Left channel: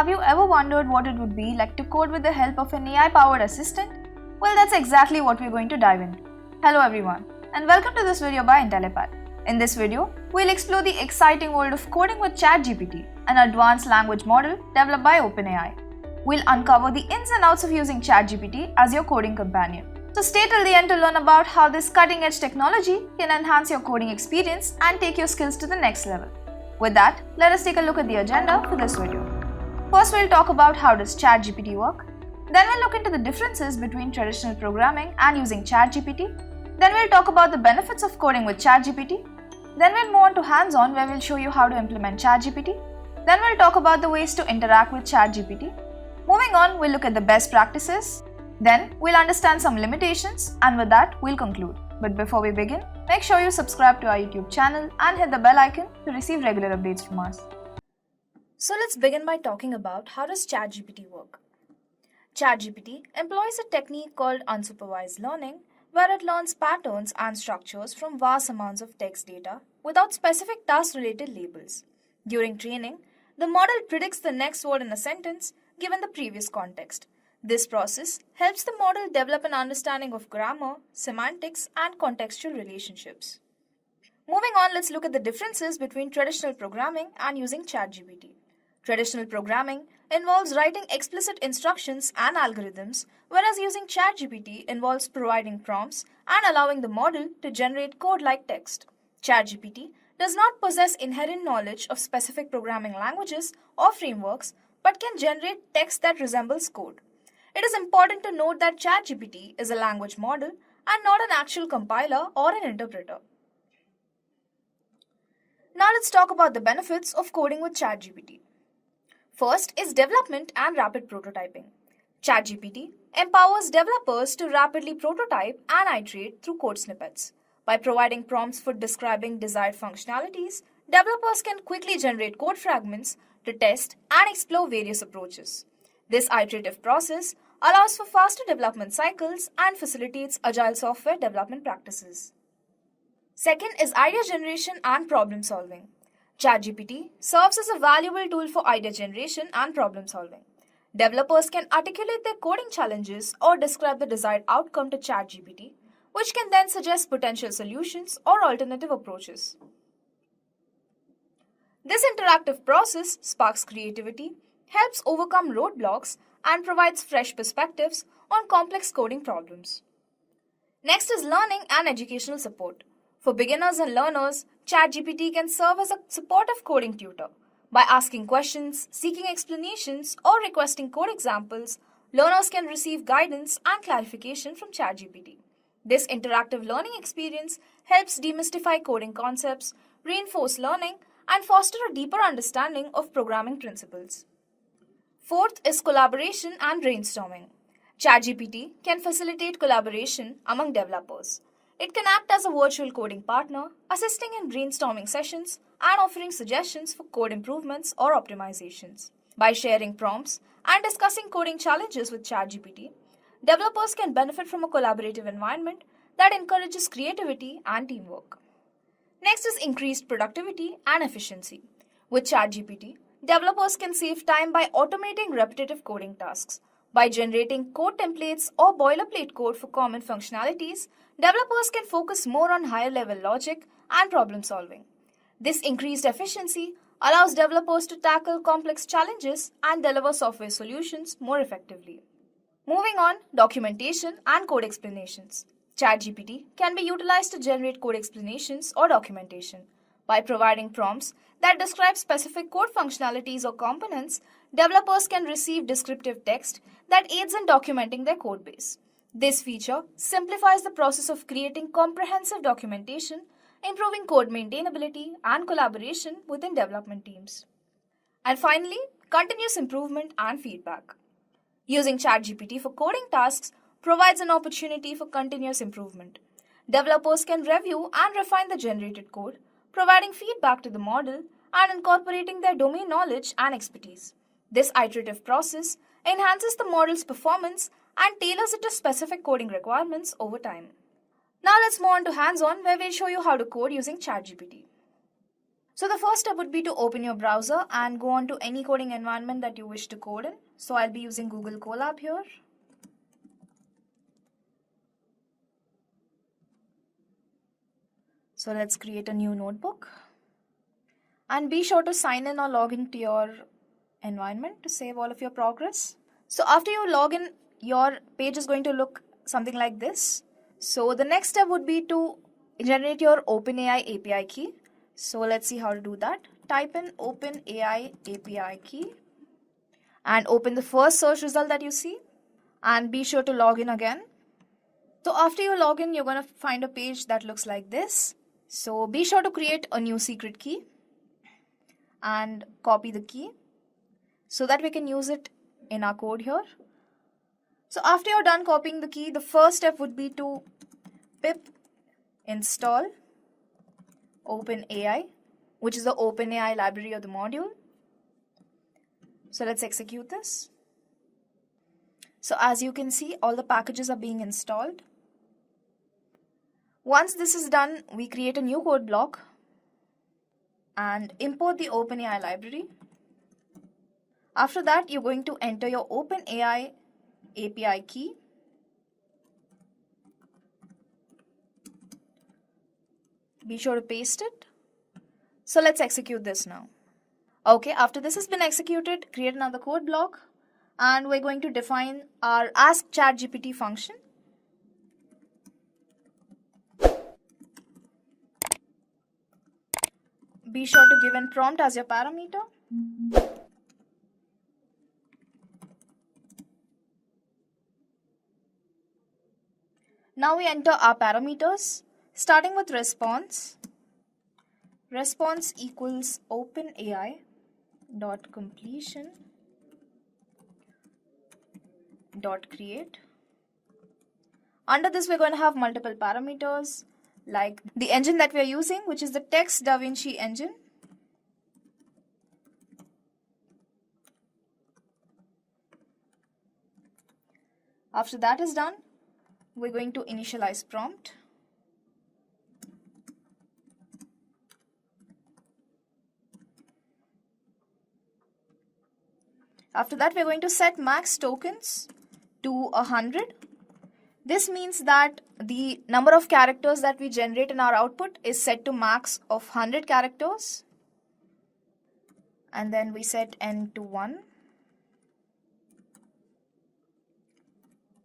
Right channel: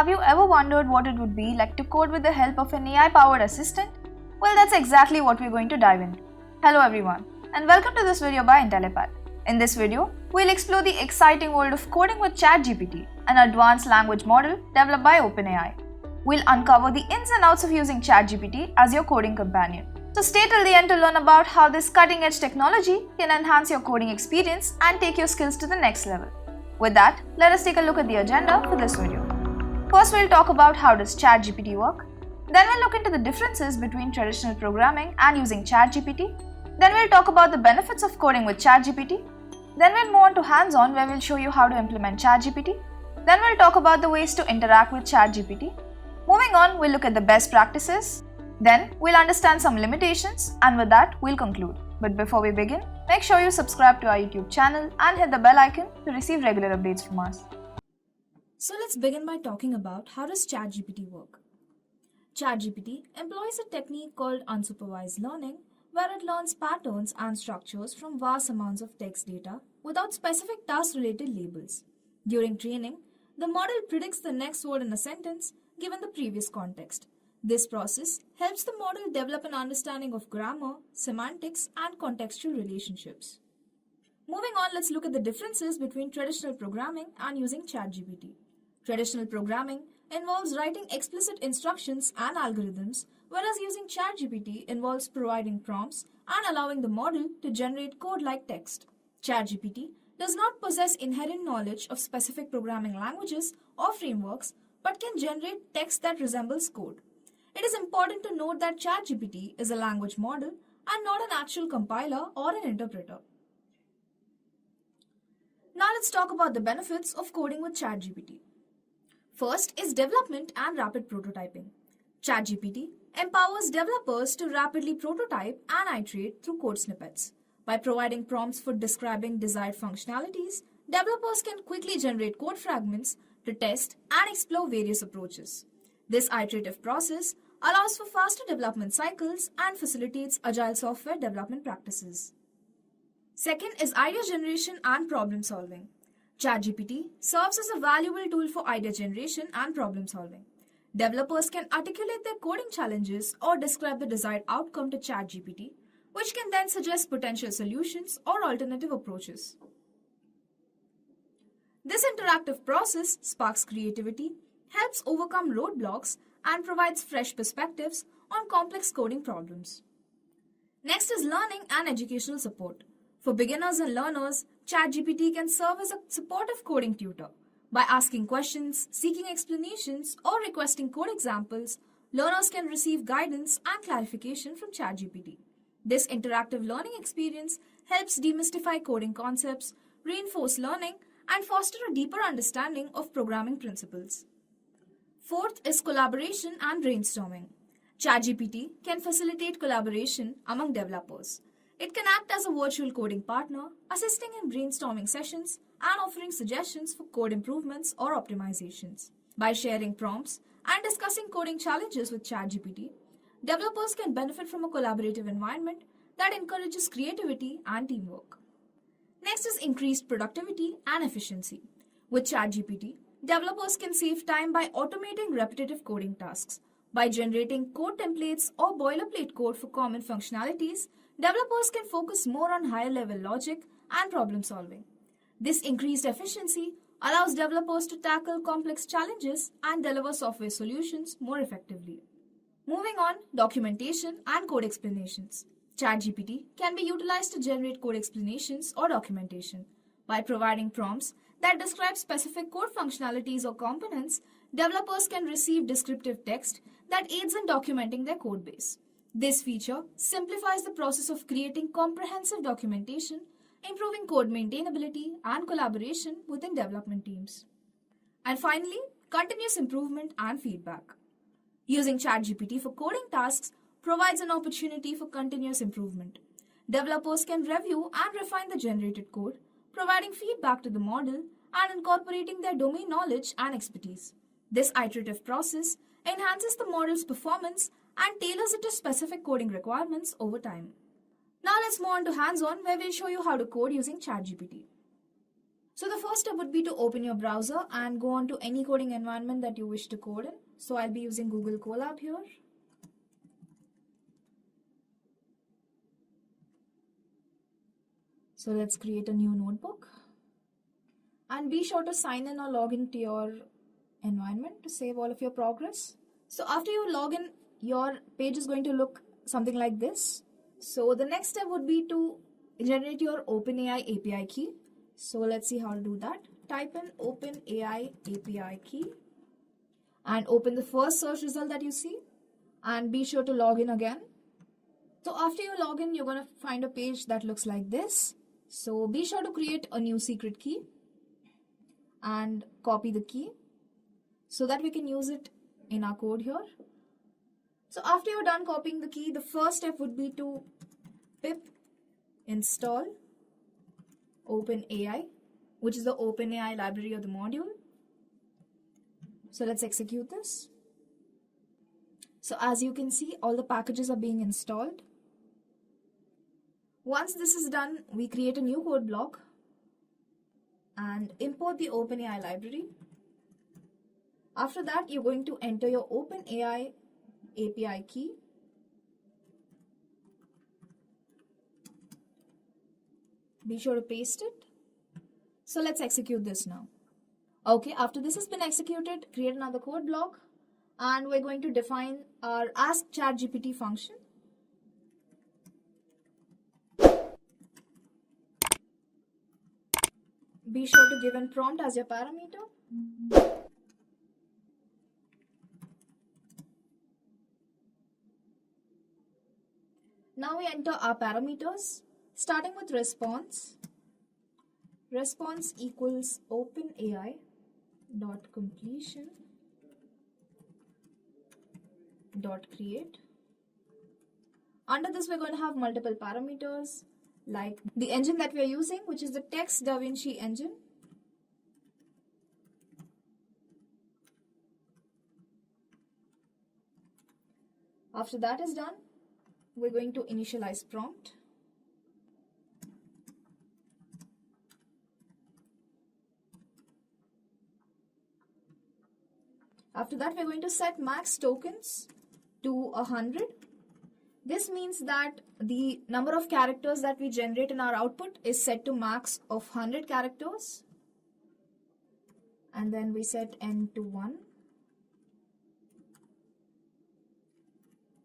Have you ever wondered what it would be like to code with the help of an AI-powered assistant? Well, that's exactly what we're going to dive into. Hello everyone, and welcome to this video by Intellipaat. In this video, we'll explore the exciting world of coding with ChatGPT, an advanced language model developed by OpenAI. We'll uncover the ins and outs of using ChatGPT as your coding companion. So stay till the end to learn about how this cutting-edge technology can enhance your coding experience and take your skills to the next level. With that, let us take a look at the agenda for this video. First, we'll talk about how does ChatGPT work. Then we'll look into the differences between traditional programming and using ChatGPT. Then we'll talk about the benefits of coding with ChatGPT. Then we'll move on to HandsOn, where we'll show you how to implement ChatGPT. Then we'll talk about the ways to interact with ChatGPT. Moving on, we'll look at the best practices. Then we'll understand some limitations, and with that, we'll conclude. But before we begin, make sure you subscribe to our YouTube channel and hit the bell icon to receive regular updates from us. So let's begin by talking about how does ChatGPT work. ChatGPT employs a technique called unsupervised learning, where it learns patterns and structures from vast amounts of text data without specific task-related labels. During training, the model predicts the next word in a sentence given the previous context. This process helps the model develop an understanding of grammar, semantics, and contextual relationships. Moving on, let's look at the differences between traditional programming and using ChatGPT. Traditional programming involves writing explicit instructions and algorithms, whereas using ChatGPT involves providing prompts and allowing the model to generate code-like text. ChatGPT does not possess inherent knowledge of specific programming languages or frameworks, but can generate text that resembles code. It is important to note that ChatGPT is a language model and not an actual compiler or an interpreter. Now let's talk about the benefits of coding with ChatGPT. First is development and rapid prototyping. ChatGPT empowers developers to rapidly prototype and iterate through code snippets. By providing prompts for describing desired functionalities, developers can quickly generate code fragments to test and explore various approaches. This iterative process allows for faster development cycles and facilitates agile software development practices. Second is idea generation and problem solving. ChatGPT serves as a valuable tool for idea generation and problem solving. Developers can articulate their coding challenges or describe the desired outcome to ChatGPT, which can then suggest potential solutions or alternative approaches. This interactive process sparks creativity, helps overcome roadblocks, and provides fresh perspectives on complex coding problems. Next is learning and educational support. For beginners and learners, ChatGPT can serve as a supportive coding tutor. By asking questions, seeking explanations, or requesting code examples, learners can receive guidance and clarification from ChatGPT. This interactive learning experience helps demystify coding concepts, reinforce learning, and foster a deeper understanding of programming principles. Fourth is collaboration and brainstorming. ChatGPT can facilitate collaboration among developers. It can act as a virtual coding partner, assisting in brainstorming sessions and offering suggestions for code improvements or optimizations. By sharing prompts and discussing coding challenges with ChatGPT, developers can benefit from a collaborative environment that encourages creativity and teamwork. Next is increased productivity and efficiency. With ChatGPT, developers can save time by automating repetitive coding tasks. By generating code templates or boilerplate code for common functionalities, developers can focus more on higher-level logic and problem solving. This increased efficiency allows developers to tackle complex challenges and deliver software solutions more effectively. Moving on, documentation and code explanations. ChatGPT can be utilized to generate code explanations or documentation. By providing prompts that describe specific code functionalities or components, developers can receive descriptive text that aids in documenting their code base. This feature simplifies the process of creating comprehensive documentation, improving code maintainability and collaboration within development teams. And finally, continuous improvement and feedback. Using ChatGPT for coding tasks provides an opportunity for continuous improvement. Developers can review and refine the generated code, providing feedback to the model and incorporating their domain knowledge and expertise. This iterative process enhances the model's performance and tailors it to specific coding requirements over time. Now let's move on to HandsOn, where we'll show you how to code using ChatGPT. So the first step would be to open your browser and go on to any coding environment that you wish to code in. So I'll be using Google Colab here. So let's create a new notebook. And be sure to sign in or log into your environment to save all of your progress. So after you log in, your page is going to look something like this. So the next step would be to generate your OpenAI API key. So let's see how to do that. Type in OpenAI API key and open the first search result that you see, and be sure to log in again. So after you log in, you're going to find a page that looks like this. So be sure to create a new secret key and copy the key so that we can use it in our code here. So after you're done copying the key, the first step would be to pip install OpenAI, which is the OpenAI library or the module. So let's execute this. So as you can see, all the packages are being installed. Once this is done, we create a new code block and import the OpenAI library. After that, you're going to enter your OpenAI API key. Be sure to paste it. So let's execute this now. Okay, after this has been executed, create another code block and we're going to define our Ask ChatGPT function. Be sure to give in prompt as your parameter. Now we enter our parameters, starting with response. Response equals OpenAI dot completion dot create. Under this, we're going to have multiple parameters like the engine that we are using, which is the Text DaVinci engine. After that is done, we're going to initialize prompt. After that, we're going to set max tokens to 100. This means that the number of characters that we generate in our output is set to max of 100 characters. And then we set n to 1.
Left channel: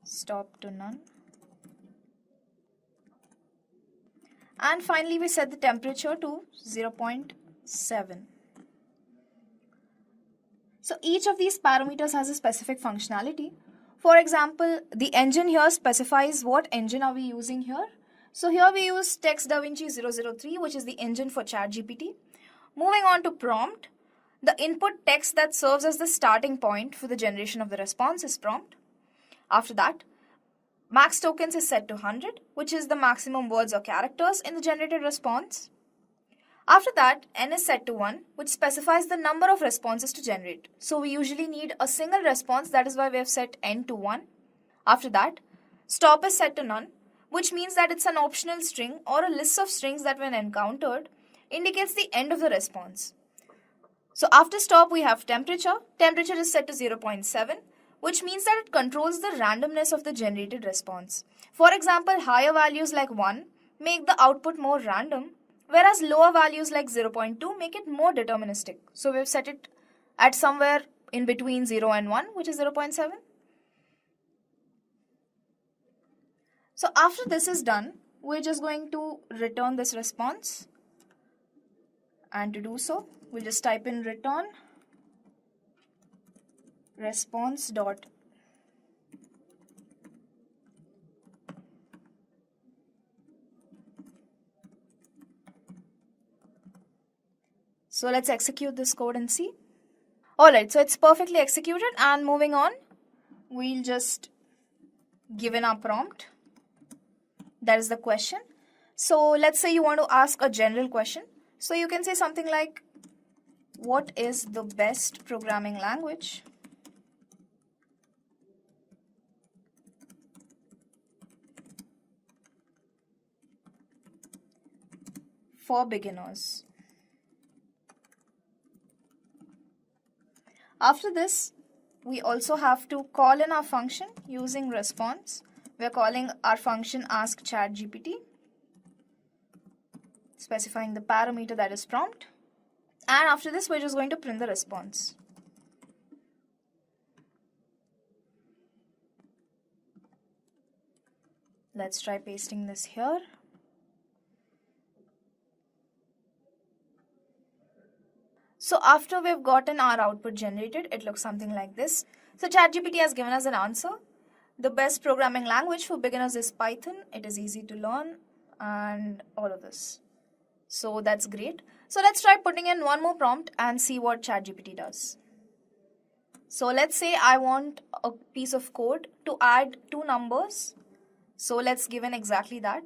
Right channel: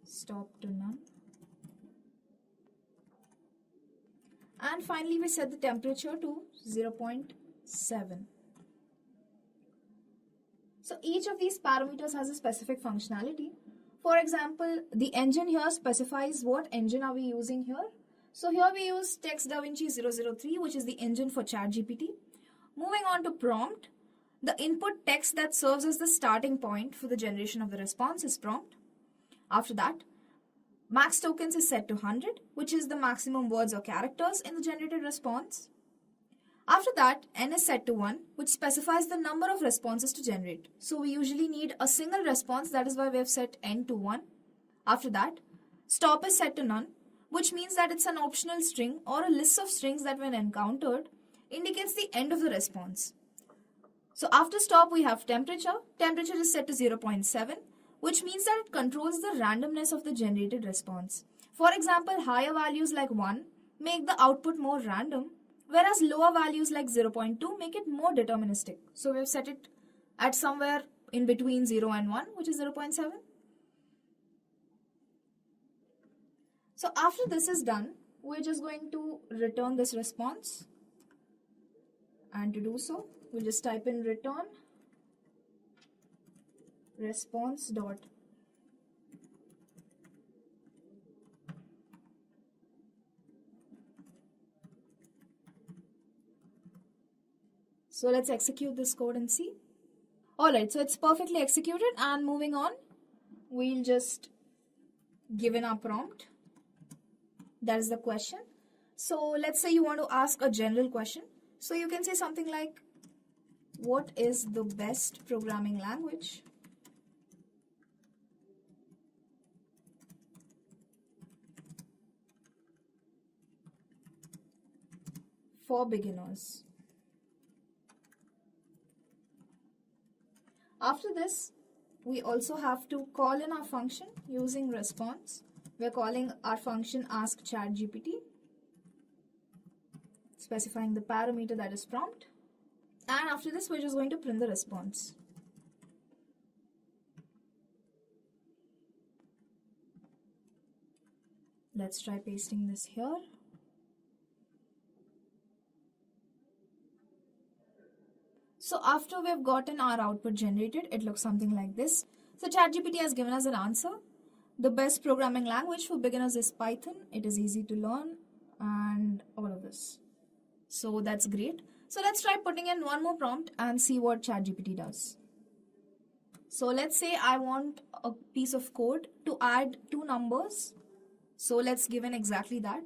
Stop to none. And finally, we set the temperature to 0.7. So each of these parameters has a specific functionality. For example, the engine here specifies what engine are we using here. So here we use Text DaVinci 003, which is the engine for ChatGPT. Moving on to prompt, the input text that serves as the starting point for the generation of the response is prompt. After that, max tokens is set to 100, which is the maximum words or characters in the generated response. After that, n is set to 1, which specifies the number of responses to generate. So we usually need a single response, that is why we have set n to 1. After that, stop is set to none, which means that it's an optional string or a list of strings that when encountered indicates the end of the response. So after stop, we have temperature. Temperature is set to 0.7, which means that it controls the randomness of the generated response. For example, higher values like 1 make the output more random, whereas lower values like 0.2 make it more deterministic. So we've set it at somewhere in between 0 and 1, which is 0.7. So after this is done, we're just going to return this response. And to do so, we'll just type in return response dot So let's execute this code and see. Alright, so it's perfectly executed, and moving on, we'll just give in our prompt. That is the question. So let's say you want to ask a general question. So you can say something like, what is the best programming language for beginners? After this, we also have to call in our function using response. We're calling our function ask ChatGPT, specifying the parameter that is prompt. And after this, we're just going to print the response. Let's try pasting this here. So after we've gotten our output generated, it looks something like this. So ChatGPT has given us an answer. The best programming language for beginners is Python. It is easy to learn and all of this. So that's great. So let's try putting in one more prompt and see what ChatGPT does. So let's say I want a piece of code to add two numbers. So let's give in exactly that.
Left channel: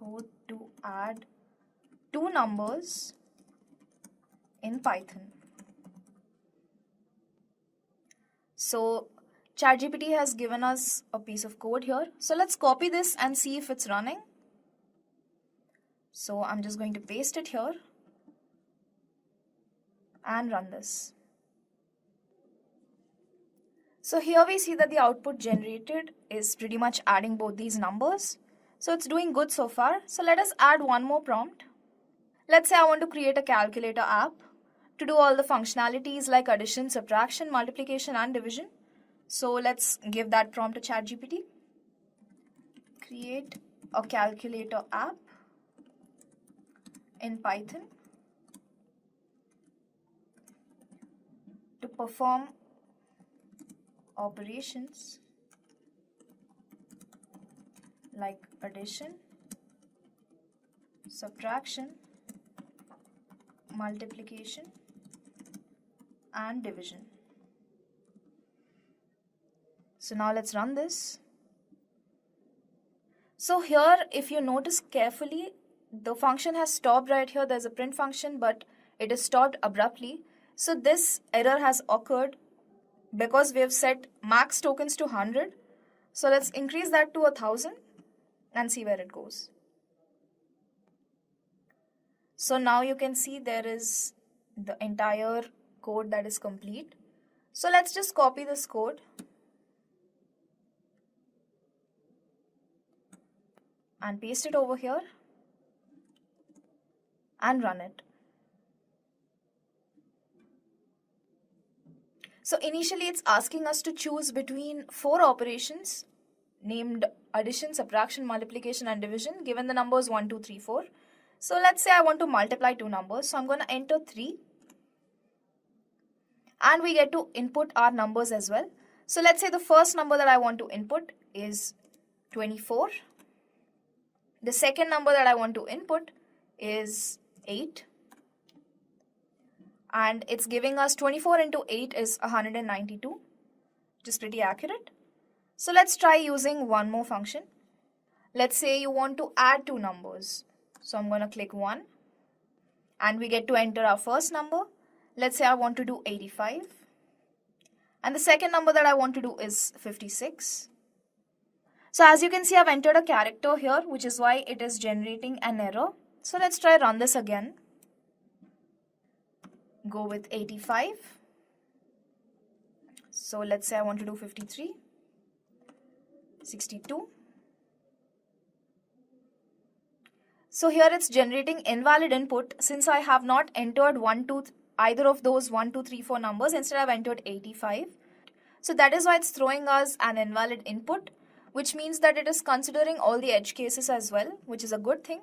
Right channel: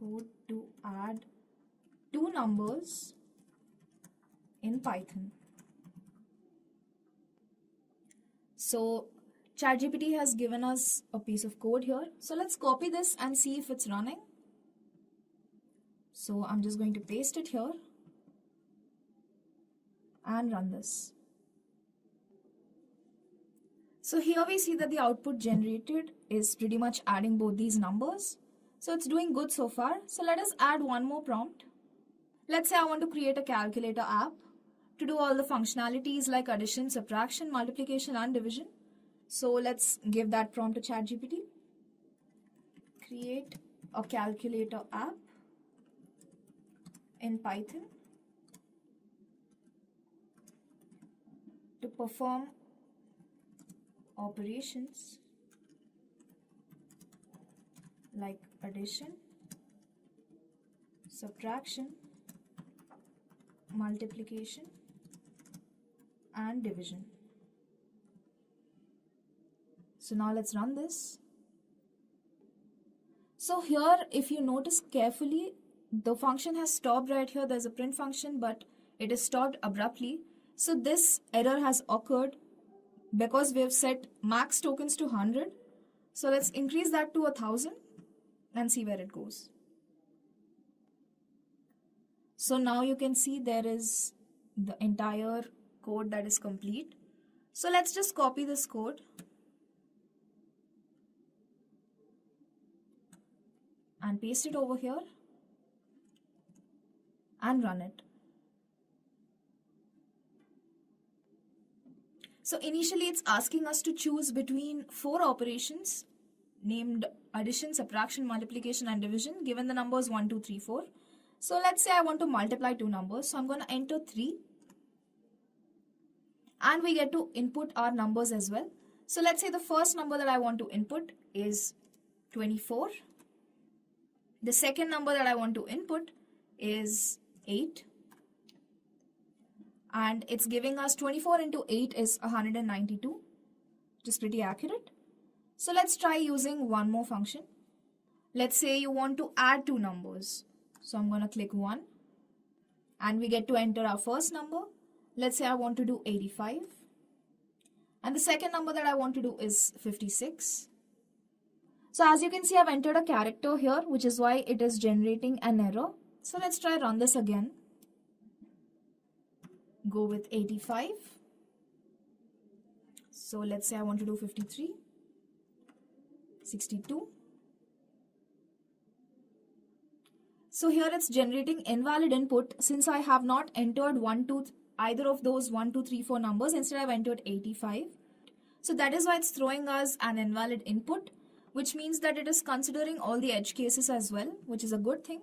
Code to add two numbers in Python. So ChatGPT has given us a piece of code here. So let's copy this and see if it's running. So I'm just going to paste it here and run this. So here we see that the output generated is pretty much adding both these numbers. So it's doing good so far. So let us add one more prompt. Let's say I want to create a calculator app to do all the functionalities like addition, subtraction, multiplication, and division. So let's give that prompt to ChatGPT. Create a calculator app in Python to perform operations like addition, subtraction, multiplication, and division. So now let's run this. So here, if you notice carefully, the function has stopped right here. There's a print function, but it is stopped abruptly. So this error has occurred because we have set max tokens to 100. So let's increase that to 1000 and see where it goes. So now you can see there is the entire code that is complete. So let's just copy this code and paste it over here and run it. So initially it's asking us to choose between 4 operations named addition, subtraction, multiplication, and division, given the numbers 1, 2, 3, 4. So let's say I want to multiply two numbers. So I'm going to enter 3. And we get to input our numbers as well. So let's say the first number that I want to input is 24. The second number that I want to input is 8. And it's giving us 24 into 8 is 192, which is pretty accurate. So let's try using one more function. Let's say you want to add two numbers. So I'm going to click 1 and we get to enter our first number. Let's say I want to do 85. And the second number that I want to do is 56. So as you can see, I've entered a character here, which is why it is generating an error. So let's try run this again. Go with 85. So let's say I want to do 53, 62. So here it's generating invalid input since I have not entered either of those 1, 2, 3, 4 numbers. Instead I've entered 85. So that is why it's throwing us an invalid input, which means that it is considering all the edge cases as well, which is a good thing.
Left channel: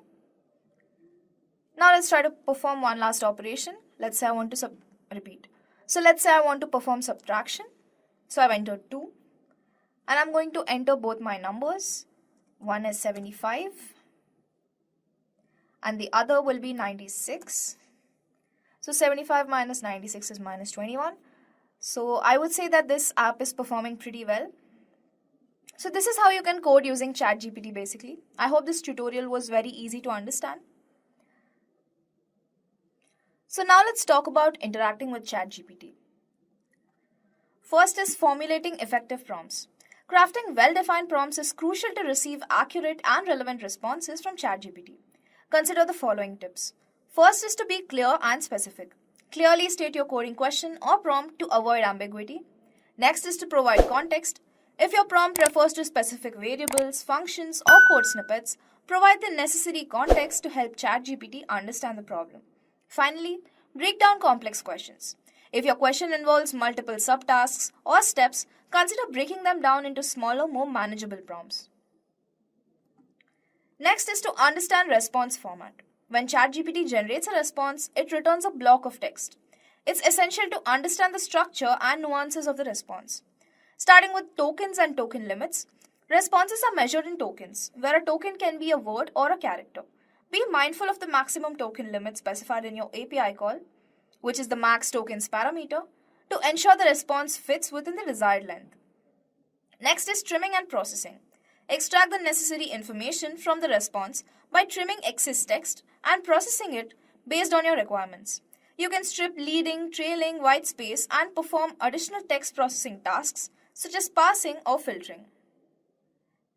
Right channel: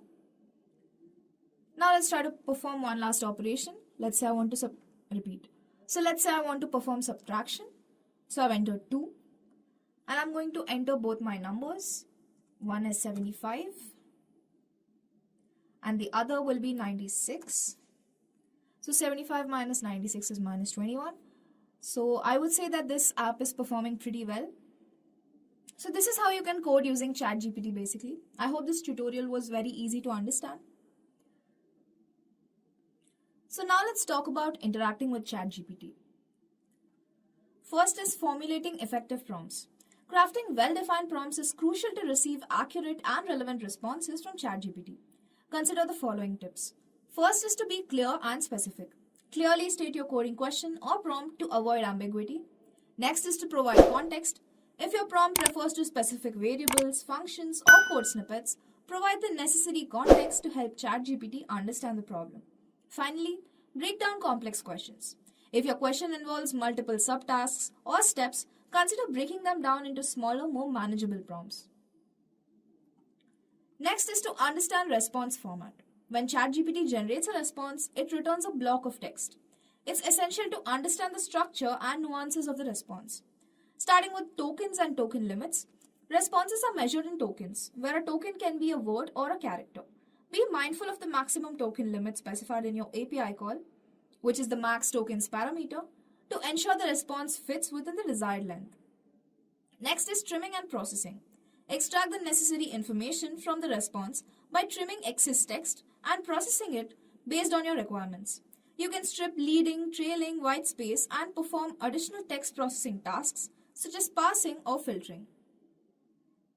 Now let's try to perform one last operation. Let's say I want to repeat. So let's say I want to perform subtraction. So I've entered 2. And I'm going to enter both my numbers. One is 75. And the other will be 96. So 75 minus 96 is minus 21. So I would say that this app is performing pretty well. So this is how you can code using ChatGPT basically. I hope this tutorial was very easy to understand. So now let's talk about interacting with ChatGPT. First is formulating effective prompts. Crafting well-defined prompts is crucial to receive accurate and relevant responses from ChatGPT. Consider the following tips. First is to be clear and specific. Clearly state your coding question or prompt to avoid ambiguity. Next is to provide context. If your prompt refers to specific variables, functions, or code snippets, provide the necessary context to help ChatGPT understand the problem. Finally, break down complex questions. If your question involves multiple subtasks or steps, consider breaking them down into smaller, more manageable prompts. Next is to understand response format. When ChatGPT generates a response, it returns a block of text. It's essential to understand the structure and nuances of the response. Starting with tokens and token limits, responses are measured in tokens, where a token can be a word or a character. Be mindful of the maximum token limit specified in your API call, which is the max tokens parameter, to ensure the response fits within the desired length. Next is trimming and processing. Extract the necessary information from the response by trimming excess text and processing it based on your requirements. You can strip leading, trailing, white space, and perform additional text processing tasks such as parsing or filtering.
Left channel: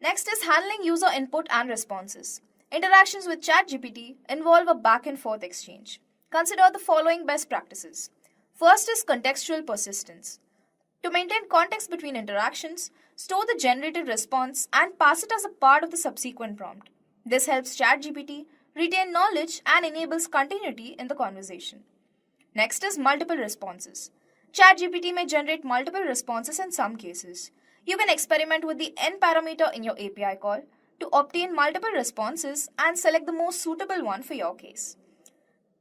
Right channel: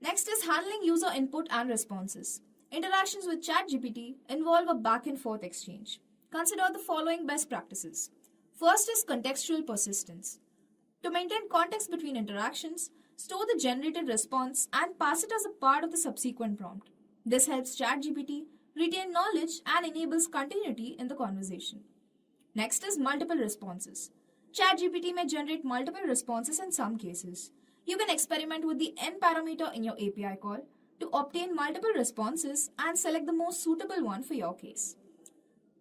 Next is handling user input and responses. Interactions with ChatGPT involve a back and forth exchange. Consider the following best practices. First is contextual persistence. To maintain context between interactions, store the generated response and pass it as a part of the subsequent prompt. This helps ChatGPT retain knowledge and enables continuity in the conversation. Next is multiple responses. ChatGPT may generate multiple responses in some cases. You can experiment with the n parameter in your API call to obtain multiple responses and select the most suitable one for your case.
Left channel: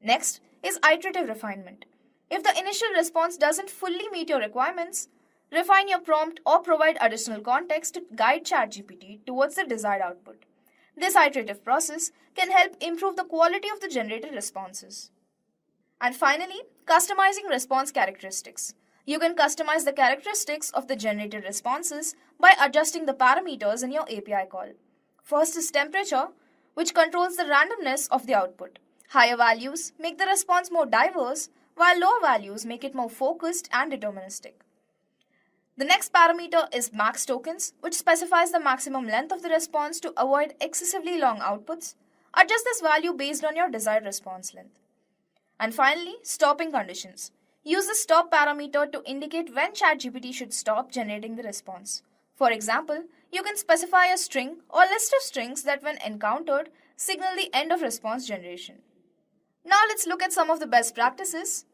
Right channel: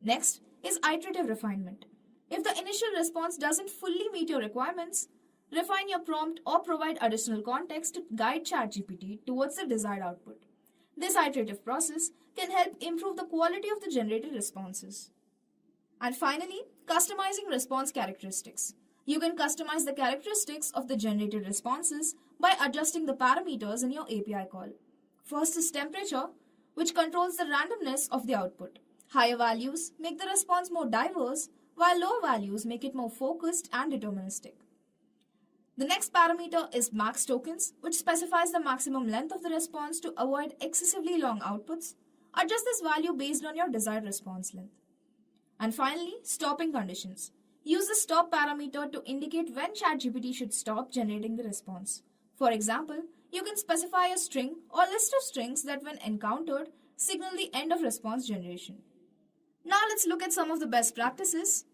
Next is iterative refinement. If the initial response doesn't fully meet your requirements, refine your prompt or provide additional context to guide ChatGPT towards the desired output. This iterative process can help improve the quality of the generated responses. And finally, customizing response characteristics. You can customize the characteristics of the generated responses by adjusting the parameters in your API call. First is temperature, which controls the randomness of the output. Higher values make the response more diverse, while lower values make it more focused and deterministic. The next parameter is max tokens, which specifies the maximum length of the response to avoid excessively long outputs. Adjust this value based on your desired response length. And finally, stopping conditions. Use the stop parameter to indicate when ChatGPT should stop generating the response. For example, you can specify a string or list of strings that, when encountered, signal the end of response generation. Now let's look at some of the best practices.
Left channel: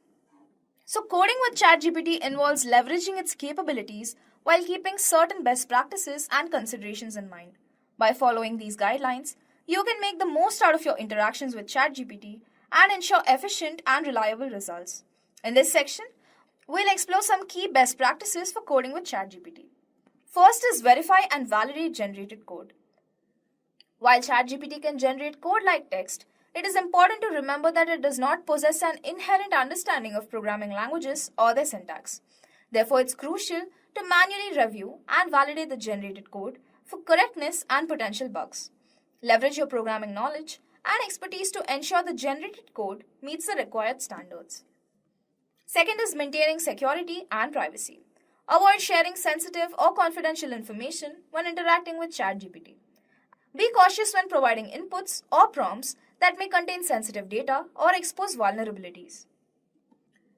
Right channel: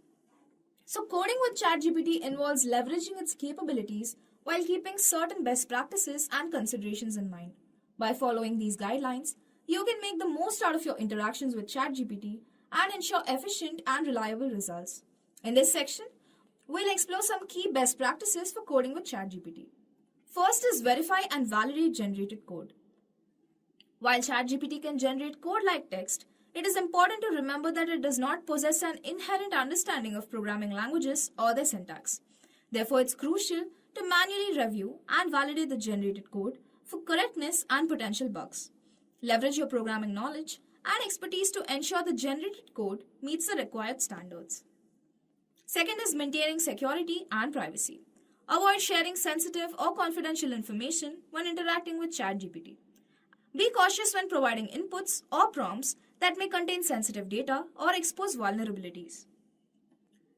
So coding with ChatGPT involves leveraging its capabilities while keeping certain best practices and considerations in mind. By following these guidelines, you can make the most out of your interactions with ChatGPT and ensure efficient and reliable results. In this section, we'll explore some key best practices for coding with ChatGPT. First is verify and validate generated code. While ChatGPT can generate code like text, it is important to remember that it does not possess an inherent understanding of programming languages or their syntax. Therefore, it's crucial to manually review and validate the generated code for correctness and potential bugs. Leverage your programming knowledge and expertise to ensure the generated code meets the required standards. Second is maintaining security and privacy. Avoid sharing sensitive or confidential information when interacting with ChatGPT. Be cautious when providing inputs or prompts that may contain sensitive data or expose vulnerabilities.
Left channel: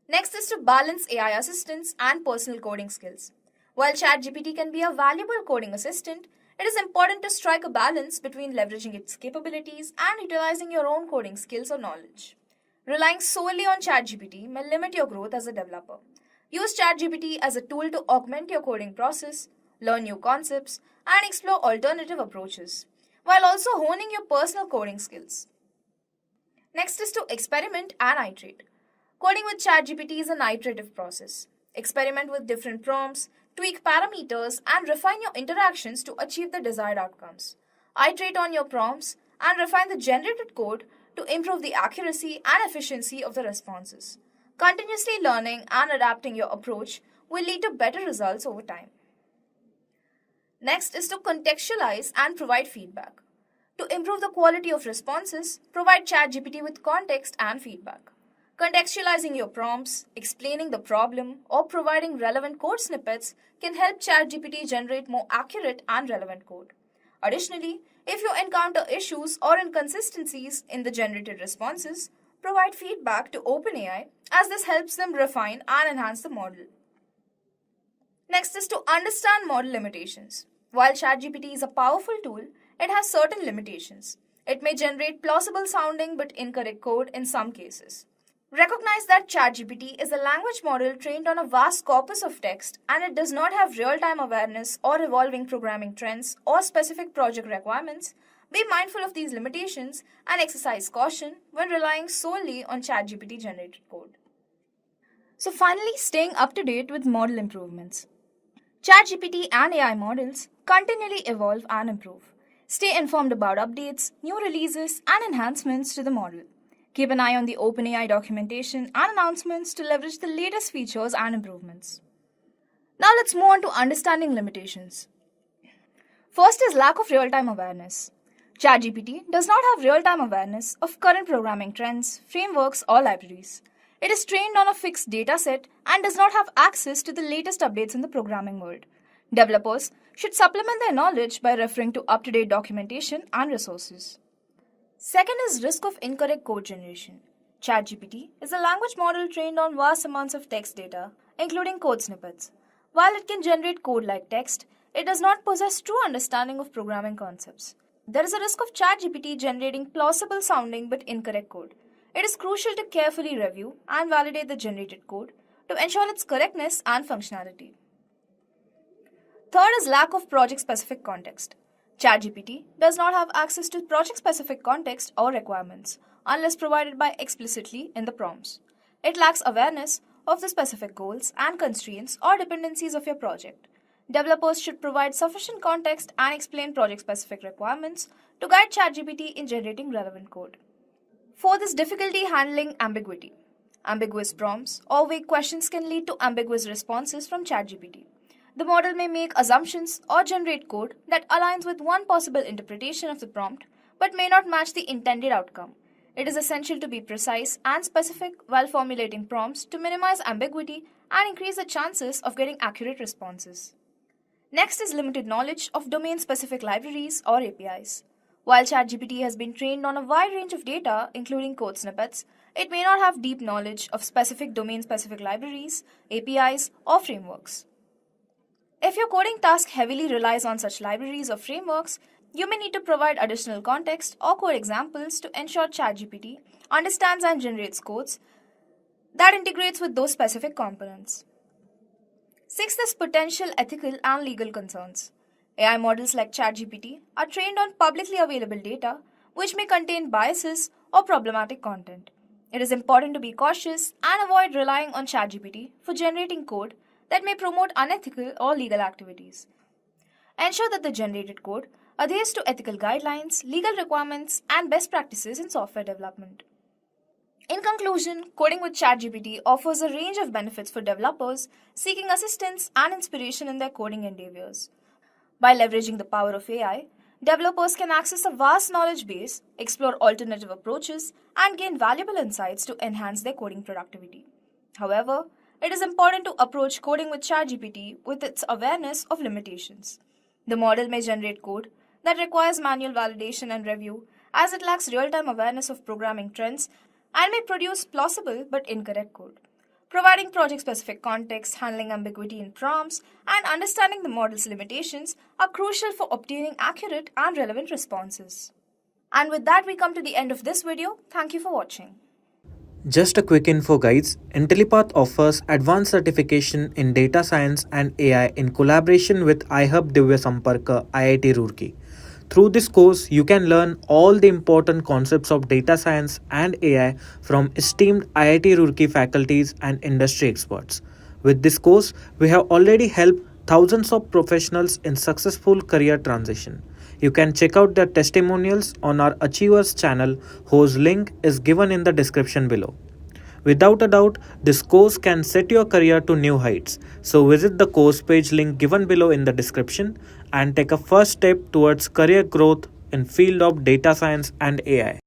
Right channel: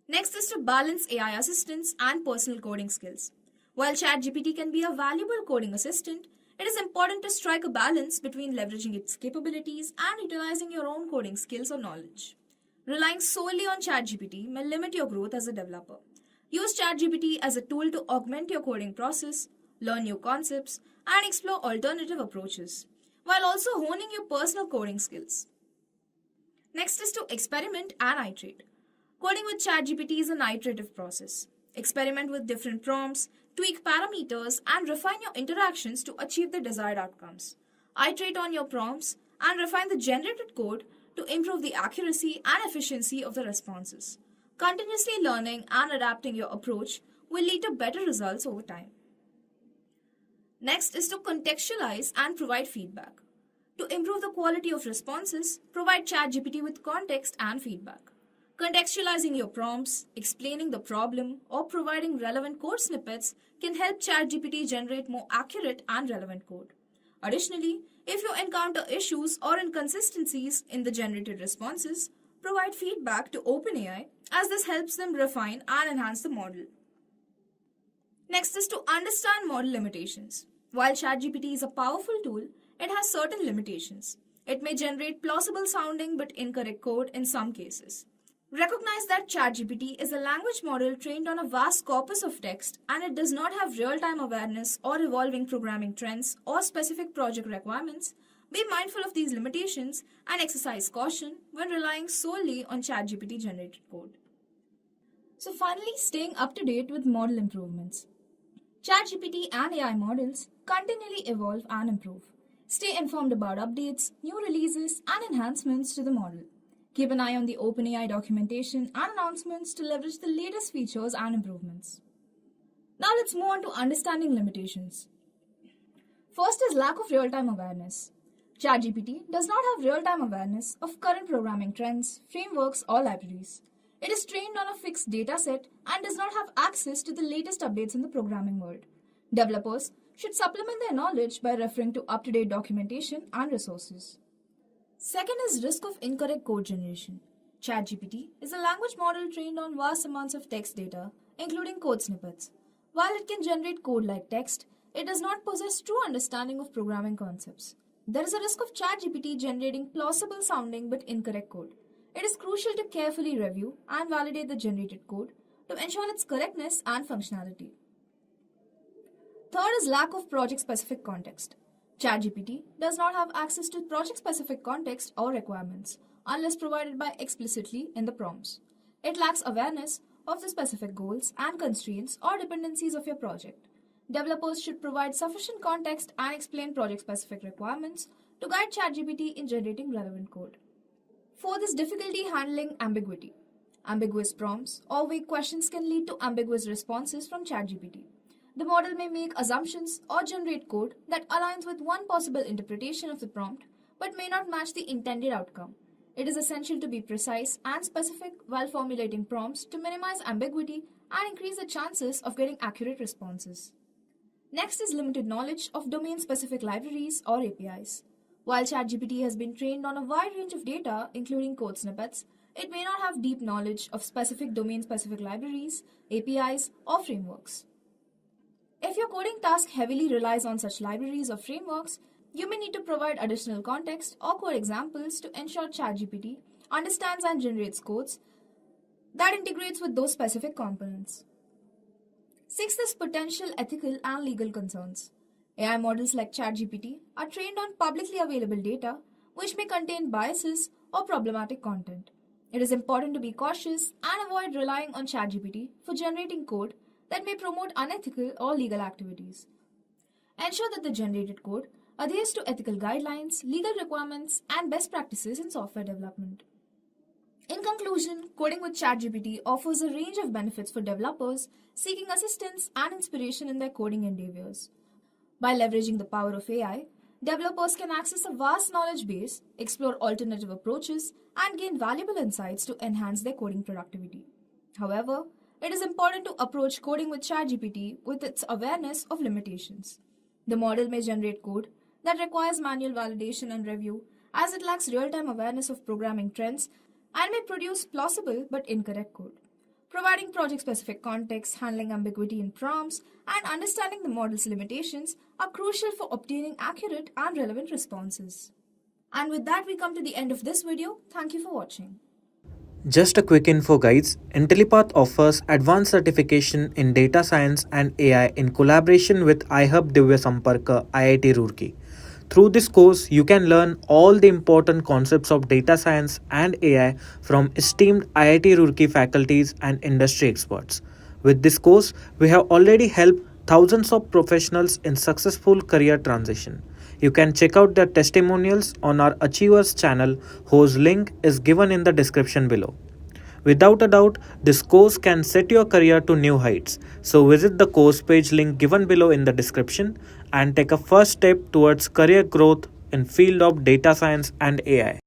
Next is to balance AI assistance and personal coding skills. While ChatGPT can be a valuable coding assistant, it is important to strike a balance between leveraging its capabilities and utilizing your own coding skills or knowledge. Relying solely on ChatGPT may limit your growth as a developer. Use ChatGPT as a tool to augment your coding process, learn new concepts, and explore alternative approaches, while also honing your personal coding skills. Next is to experiment and iterate. Coding with ChatGPT is an iterative process. Experiment with different prompts, tweak parameters, and refine your interactions to achieve the desired outcomes. Iterate on your prompts and refine the generated code to improve the accuracy and efficiency of the responses. Continuously learning and adapting your approach will lead to better results over time. Next is to contextualize and provide feedback. To improve the quality of responses, provide ChatGPT with context and feedback. Contextualizing your prompts, explaining the problem, or providing relevant code snippets can help ChatGPT generate more accurate and relevant code. Additionally, if you encounter issues or inconsistencies in the generated responses, provide feedback to OpenAI as this helps them refine and enhance the model. Next is to understand model limitations. While ChatGPT is a powerful tool, it has certain limitations. It may generate plausible sounding but incorrect code in some cases. Recognize that ChatGPT is a language model trained on a vast corpus of text and it does not have real-time awareness or evolving programming trends or specific project requirements. Be mindful of these limitations and exercise caution when relying solely on ChatGPT generated code. So finally, staying up to date with model improvements. ChatGPT and AI models continually evolve and improve. Stay informed about updates, new releases, and enhancements to the model. Keep an eye on the OpenAI documentation and announcements to leverage the latest features and improvements. Now let's move on to understanding limitations. First is lack of real-time awareness. ChatGPT does not have real-time awareness of current programming trends, frameworks, or libraries. It is trained on a fixed dataset and does not have access to the latest updates in the programming world. Developers should supplement their knowledge by referring to up-to-date documentation and resources. Second is risk of incorrect code generation. ChatGPT is a language model trained on vast amounts of text data, including code snippets. While it can generate code like text, it does not possess true understanding of programming concepts. There is a risk of ChatGPT generating plausible sounding but incorrect code. It is crucial to carefully review and validate the generated code to ensure its correctness and functionality. Third is lack of project-specific context. ChatGPT does not have access to project-specific context or requirements unless provided by explicitly in the prompts. It lacks awareness of the specific goals and constraints or dependencies of your project. Developers should provide sufficient context and explain project-specific requirements to guide ChatGPT in generating relevant code. Fourth is difficulty handling ambiguity. Ambiguous prompts or vague questions can lead to ambiguous responses from ChatGPT. The model may make assumptions or generate code that aligns with one possible interpretation of the prompt but may not match the intended outcome. It is essential to be precise and specific while formulating prompts to minimize ambiguity and increase the chances of getting accurate responses. Next is limited knowledge of domain-specific libraries or APIs. While ChatGPT has been trained on a wide range of data, including code snippets, it may not have deep knowledge of specific domain-specific libraries, APIs, or frameworks. If your coding task heavily relies on such libraries or frameworks, you may need to provide additional context or code examples to ensure ChatGPT understands and generates codes that integrates with those specific components. Sixth is potential ethical and legal concerns. AI models like ChatGPT are trained on publicly available data, which may contain biases or problematic content. It is important to be cautious and avoid relying on ChatGPT for generating code that may promote unethical or legal activities. Ensure that the generated code adheres to ethical guidelines, legal requirements, and best practices in software development. In conclusion, coding with ChatGPT offers a range of benefits for developers seeking assistance and inspiration in their coding endeavors. By leveraging the power of AI, developers can access a vast knowledge base, explore alternative approaches, and gain valuable insights to enhance their coding productivity. However, it is important to approach coding with ChatGPT with its awareness of limitations. The model may generate code that requires manual validation and review, as it lacks real-time awareness of programming trends and may produce plausible but incorrect code. Providing project-specific context, handling ambiguity in prompts, and understanding the model's limitations are crucial for obtaining accurate and relevant responses. And with that, we come to the end of this video. Thank you for watching. Just a quick info guys, Intellipaat offers advanced certification in data science and AI in collaboration with iHub Divya Samparka IIT Roorkee. Through this course, you can learn all the important concepts of data science and AI from esteemed IIT Roorkee faculties and industry experts. With this course, we have already helped thousands of professionals in successful career transition. You can check out their testimonials on our Achievers channel, whose link is given in the description below. Without a doubt, this course can set your career to new heights. So visit the course page link given below in the description and take a first step towards career growth in field of data science and AI.